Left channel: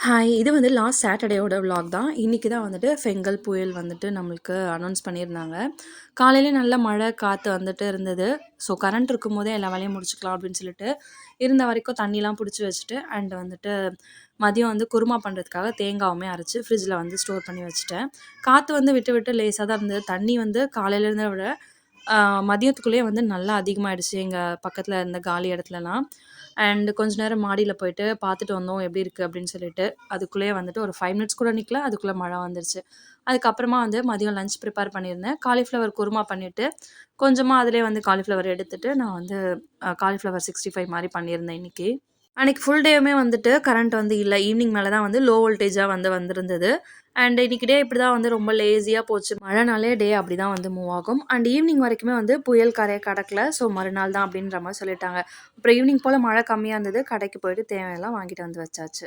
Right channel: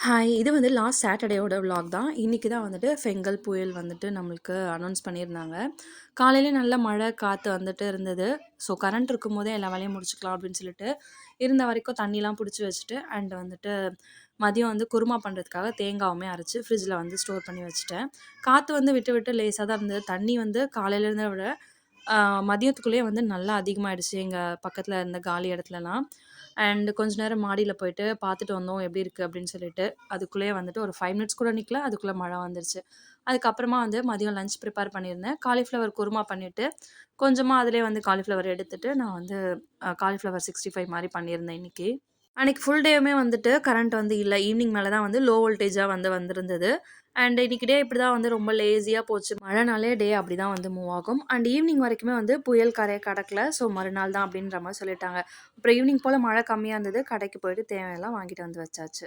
Hi! இது வந்து last சாட்டர்டேயோட vlog தான். இன்னைக்கு தான் வந்துட்டு ஃபெங்கல் புயல் வந்துட்டு நம்மளுக்கு அனௌன்ஸ் பண்ணியிருந்தாங்க. காலையில நல்ல மழை, காத்து வந்துட்டு இருந்தது. ஸோ கரண்ட் இருக்கும்போதே எல்லா வேலையும் முடிச்சுக்கலாம் அப்படின்னு சொல்லிட்டு, இருந்த வரைக்கும் தண்ணிலாம் புடிச்சு வச்சுட்டு, அண்ட் வந்துட்டு மதியம் வந்து குருமா பண்றதுக்காக தேங்காவுமே அரைச்சு ஃப்ரிட்ஜில வந்து ஸ்டோர் பண்ணி வச்சுட்டேன். காத்து வந்து விட்டு விட்டு லேசா தான் இருந்தது. தண்ணி வந்து காலையில இருந்தத விட ஆ மதியத்துக்குள்ளேயே வந்து நல்லா அதிகமாயிடுச்சு எங்க பக்கத்துல இருந்த காலி இடத்துலலாம். அண்ட் கொஞ்ச நேரம் மாடியில போயிட்டு பார்த்துட்டு வந்தோம் எப்படி இருக்கு அப்படின்னு சொல்லிட்டு. அதுக்குள்ளேயே வந்துட்டு ஒரு 5 மினிட்ஸ் கூட நிக்கல. அதுக்குள்ள மழை வந்துருச்சு. அதுக்கப்புறமா வந்து மதியம் லஞ்ச் ப்ரிப்பேர் பண்ணியிருந்தேன். காலிஃப்ளவர் குருமா பண்ணிட்டு, கொஞ்சமா அதிலயே வந்து காலிஃப்ளவர் எடுத்துட்டு நான் வந்து காலிஃப்ளவர் 65 மாரி பண்ணியிருந்தேன் இன்னைக்கு. அன்னைக்கு ஃபுல் டேவுமே வந்துட்டு கரண்ட் வந்து இல்ல. ஈவினிங் மேல தான் வந்து லோ வோல்டேஜா வந்து வந்திருந்தது. அண்ட் இன்னைக்கு டே இப்படிதான் வந்து ரொம்ப லேசியா போச்சு. மழைனாலே டே அப்படிதான் வந்து மூவ் ஆகும். அண்ட் ஈவினிங் வரைக்குமே வந்து புயல் கரைய கடக்கல. ஸோ மறுநாள் தான் அப்படின்ற மாரி சொல்லிட்டாங்க. அப்புறம் ஈவினிங் போல மழை கம்மியா இருந்தது. கடைக்கு போயிட்டு தேவையெல்லாம் வாங்கிட்டு வந்து வச்சாச்சு.